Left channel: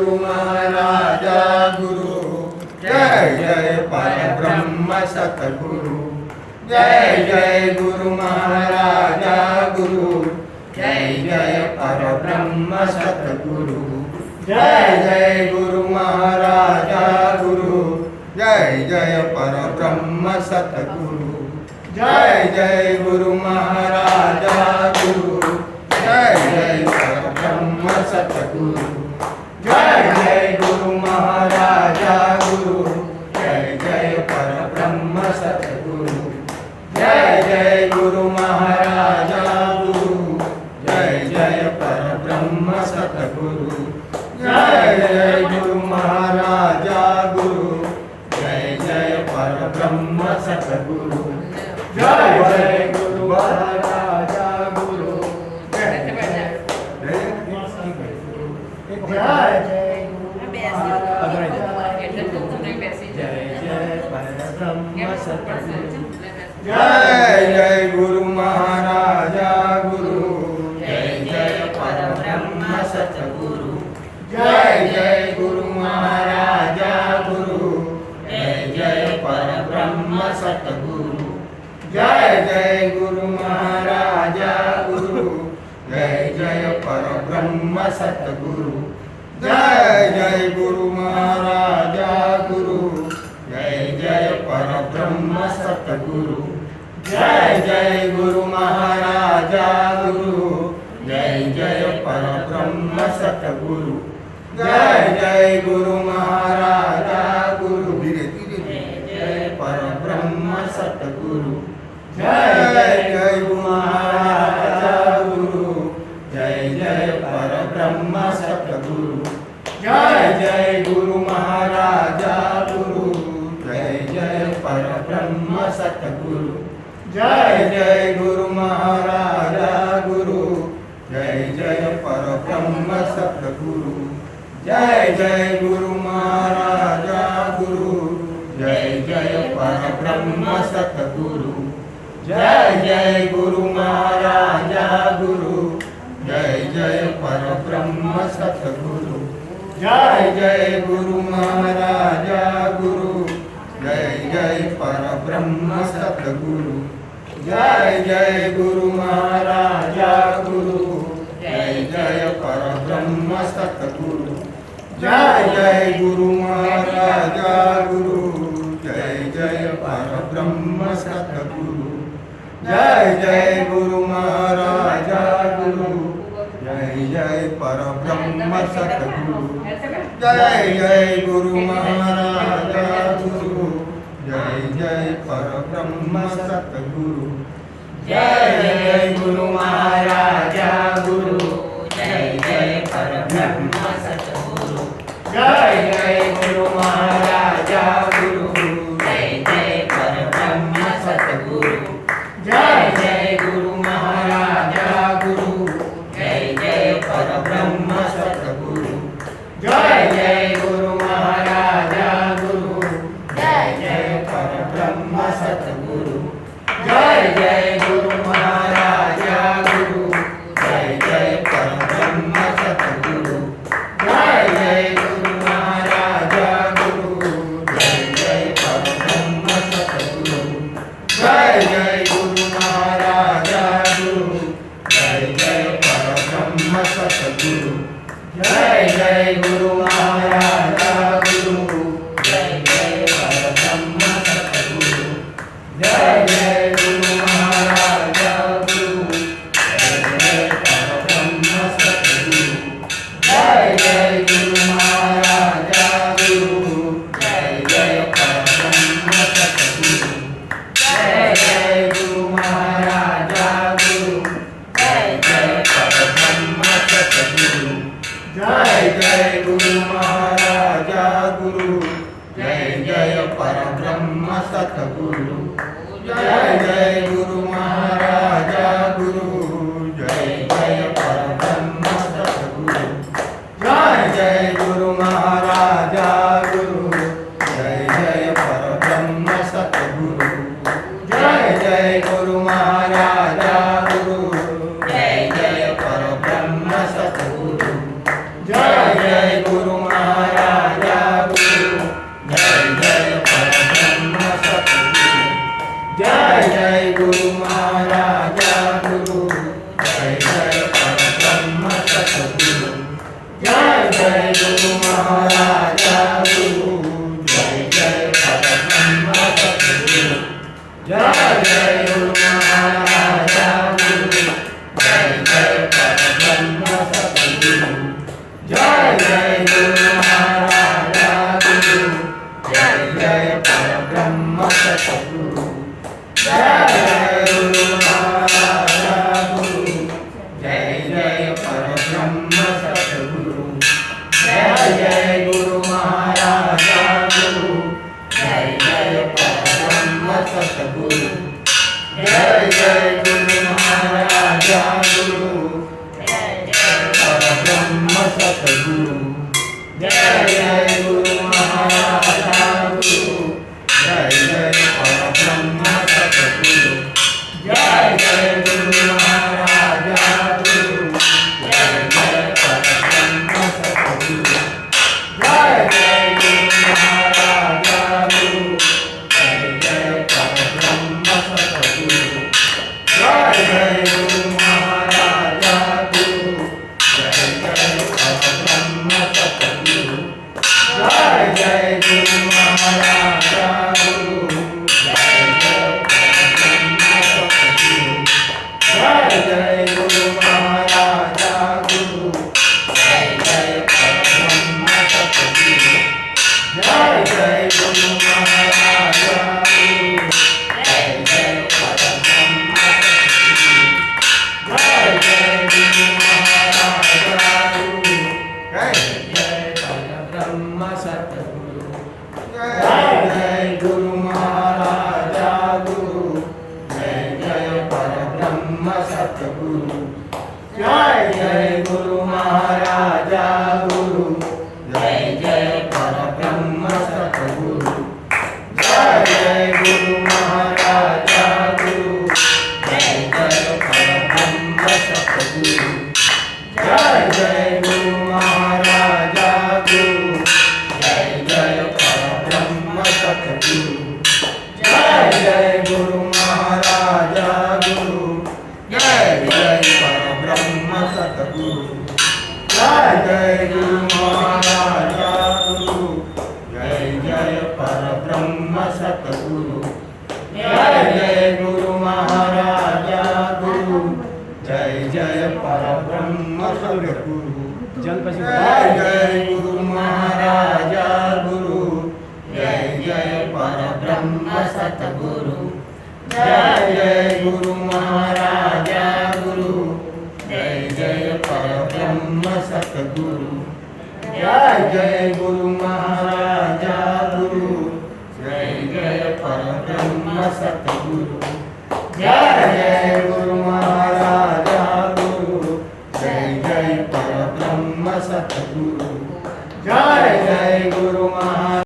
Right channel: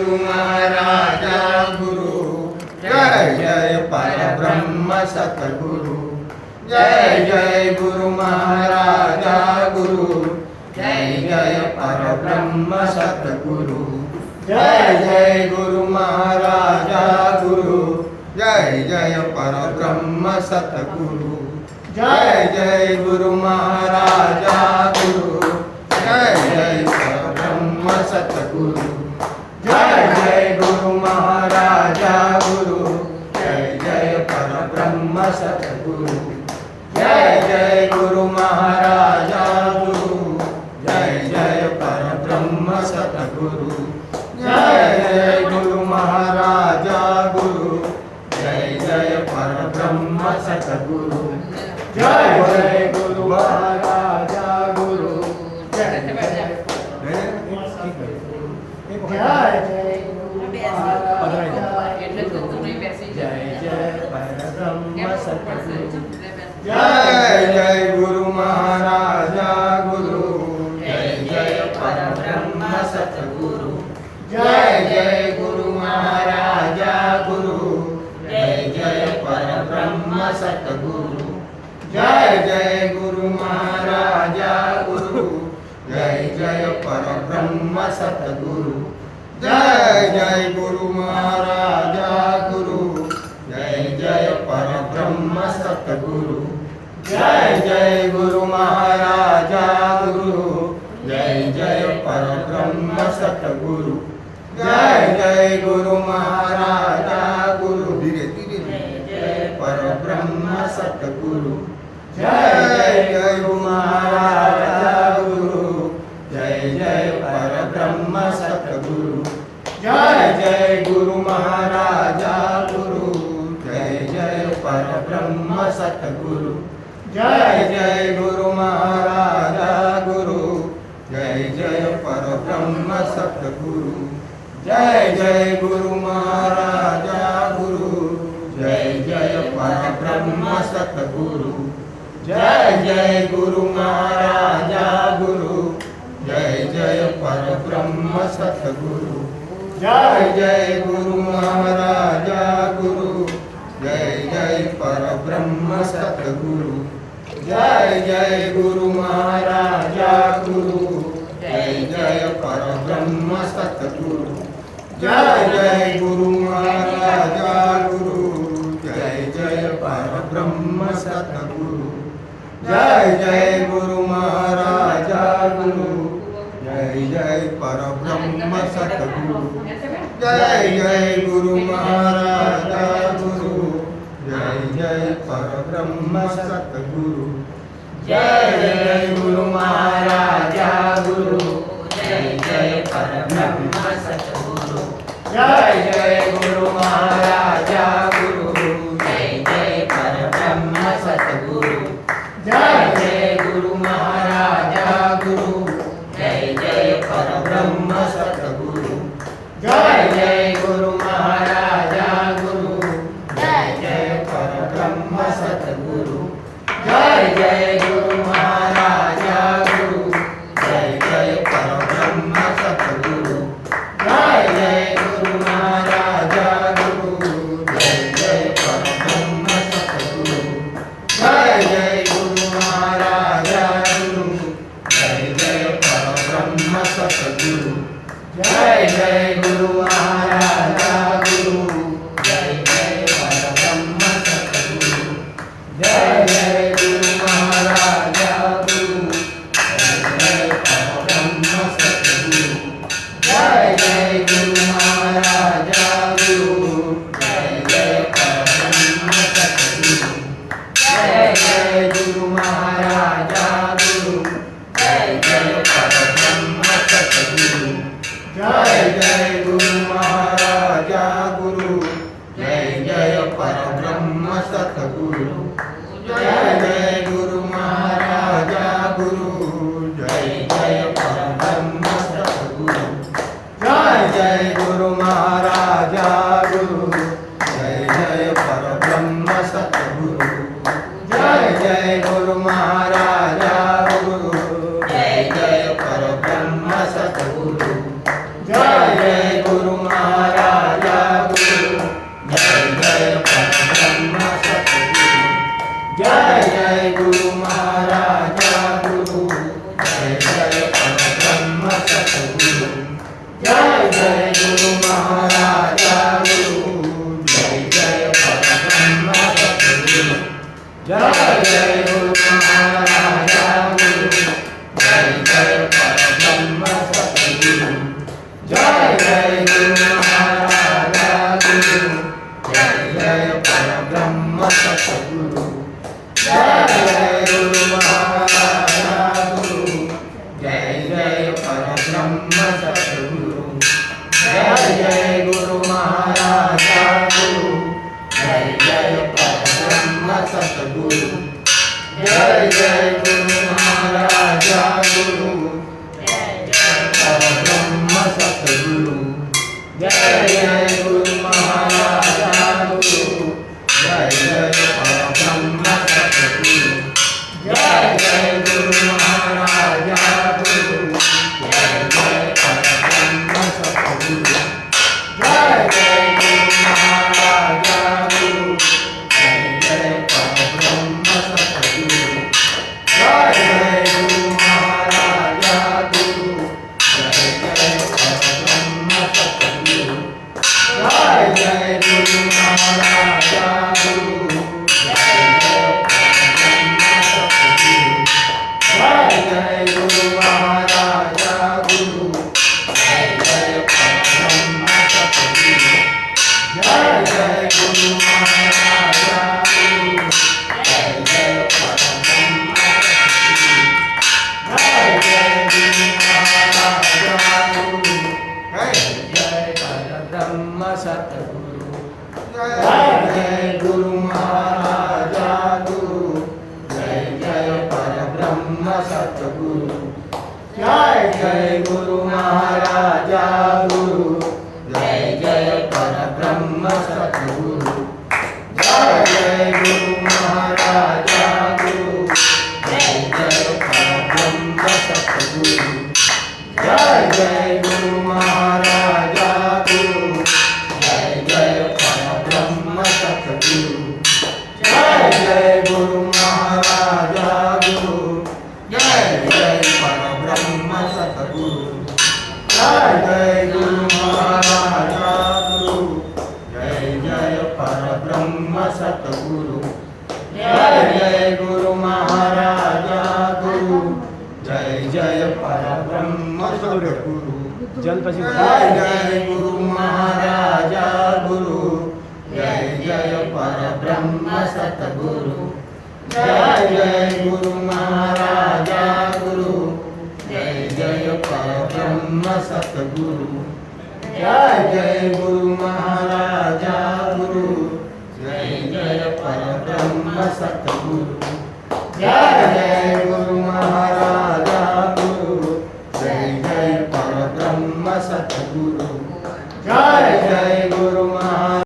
गुरु महाराजा गुरु जय जय परब्रह्म सतगुरु जय जय गुरु महाराजा गुरु जय जय परब्रह्म सतगुरु जय जय गुरु महाराजा गुरु जय जय परब्रह्म सतगुरु जय जय गुरु महाराजा गुरु जय जय परब्रह्म सतगुरु जय जय गुरु महाराजा गुरु जय जय परब्रह्म सतगुरु जय जय गुरु महाराजा गुरु जय जय परब्रह्म सतगुरु जय जय गुरु महाराजा गुरु जय जय परब्रह्म सतगुरु जय जय गुरु महाराजा गुरु जय जय गुरु महाराजा गुरु जय जय परब्रह्म सतगुरु जय जय गुरु महाराजा गुरु जय जय परब्रह्म सतगुरु जय जय गुरु महाराजा गुरु जय जय परब्रह्म सतगुरु जय जय गुरु महाराजा गुरु जय जय परब्रह्म सतगुरु जय जय गुरु महाराजा गुरु जय जय परब्रह्म सतगुरु जय जय गुरु महाराजा गुरु धीरे धीरे जय परब्रह्म सतगुरु जय जय गुरु महाराजा गुरु जय जय परब्रह्म सतगुरु जय जय गुरु महाराजा गुरु जय जय परब्रह्म सतगुरु जय जय गुरु महाराजा गुरु जय जय परब्रह्म सतगुरु जय जय गुरु महाराजा गुरु जय जय परब्रह्म सतगुरु जय जय गुरु महाराजा गुरु जय जय परब्रह्म सतगुरु जय जय गुरु महाराजा गुरु जय जय परब्रह्म सतगुरु जय जय गुरु महाराजा गुरु जय जय परब्रह्म सतगुरु जय जय गुरु महाराजा गुरु जय जय परब्रह्म सतगुरु जय जय गुरु महाराजा गुरु जय जय परब्रह्म सतगुरु जय जय गुरु महाराजा गुरु जय जय परब्रह्म सतगुरु जय जय गुरु महाराजा गुरु जय जय परब्रह्म सतगुरु जय जय गुरु महाराजा गुरु जय जय परब्रह्म सतगुरु जय जय गुरु महाराजा गुरु जय जय परब्रह्म सतगुरु जय जय गुरु महाराजा गुरु जय जय परब्रह्म सतगुरु जय जय गुरु महाराजा गुरु जय जय परब्रह्म सतगुरु जय जय गुरु महाराजा गुरु जय जय परब्रह्म सतगुरु जय जय गुरु महाराजा गुरु जय जय परब्रह्म सतगुरु जय जय गुरु महाराजा गुरु जय जय परब्रह्म सतगुरु जय जय गुरु महाराजा गुरु जय जय परब्रह्म सतगुरु जय जय गुरु महाराजा गुरु जय जय परब्रह्म सतगुरु जय जय गुरु महाराजा गुरु जय जय परब्रह्म सतगुरु जय जय गुरु महाराजा गुरु जय जय परब्रह्म सतगुरु जय जय गुरु महाराजा गुरु जय जय परब्रह्म सतगुरु जय जय गुरु महाराजा गुरु जय जय परब्रह्म सतगुरु जय जय गुरु महाराजा गुरु जय जय परब्रह्म सतगुरु जय जय गुरु जय जय गुरु महाराजा गुरु जय जय परब्रह्म सतगुरु जय जय गुरु महाराजा गुरु जय जय परब्रह्म सतगुरु जय जय गुरु महाराजा गुरु जय जय परब्रह्म सतगुरु जय जय गुरु महाराजा गुरु जय जय परब्रह्म सतगुरु जय जय गुरु महाराजा गुरु जय जय परब्रह्म सतगुरु जय जय गुरु महाराजा गुरु जय जय परब्रह्म सतगुरु जय जय गुरु महाराजा गुरु जय जय परब्रह्म सतगुरु जय जय गुरु महाराजा गुरु जय जय परब्रह्म सतगुरु जय जय गुरु महाराजा गुरु जय जय परब्रह्म सतगुरु जय जय गुरु महाराजा गुरु जय जय परब्रह्म सतगुरु जय जय गुरु महाराजा गुरु जय जय परब्रह्म सतगुरु जय जय गुरु महाराजा गुरु जय जय परब्रह्म सतगुरु जय जय गुरु महाराजा गुरु जय जय परब्रह्म सतगुरु जय जय गुरु महाराजा गुरु जय जय परब्रह्म सतगुरु जय जय गुरु महाराजा गुरु जय जय परब्रह्म सतगुरु जय जय गुरु महाराजा गुरु जय जय परब्रह्म सतगुरु जय जय गुरु महाराजा गुरु जय जय परब्रह्म सतगुरु जय जय गुरु महाराजा गुरु जय जय परब्रह्म सतगुरु जय जय गुरु महाराजा गुरु जय जय परब्रह्म सतगुरु जय जय गुरु महाराजा गुरु जय जय परब्रह्म सतगुरु जय जय गुरु महाराजा गुरु जय जय परब्रह्म सतगुरु जय जय गुरु महाराजा गुरु जय जय परब्रह्म सतगुरु जय जय गुरु महाराजा गुरु जय जय परब्रह्म सतगुरु जय जय गुरु महाराजा गुरु जय जय परब्रह्म सतगुरु जय जय गुरु महाराजा गुरु जय जय परब्रह्म सतगुरु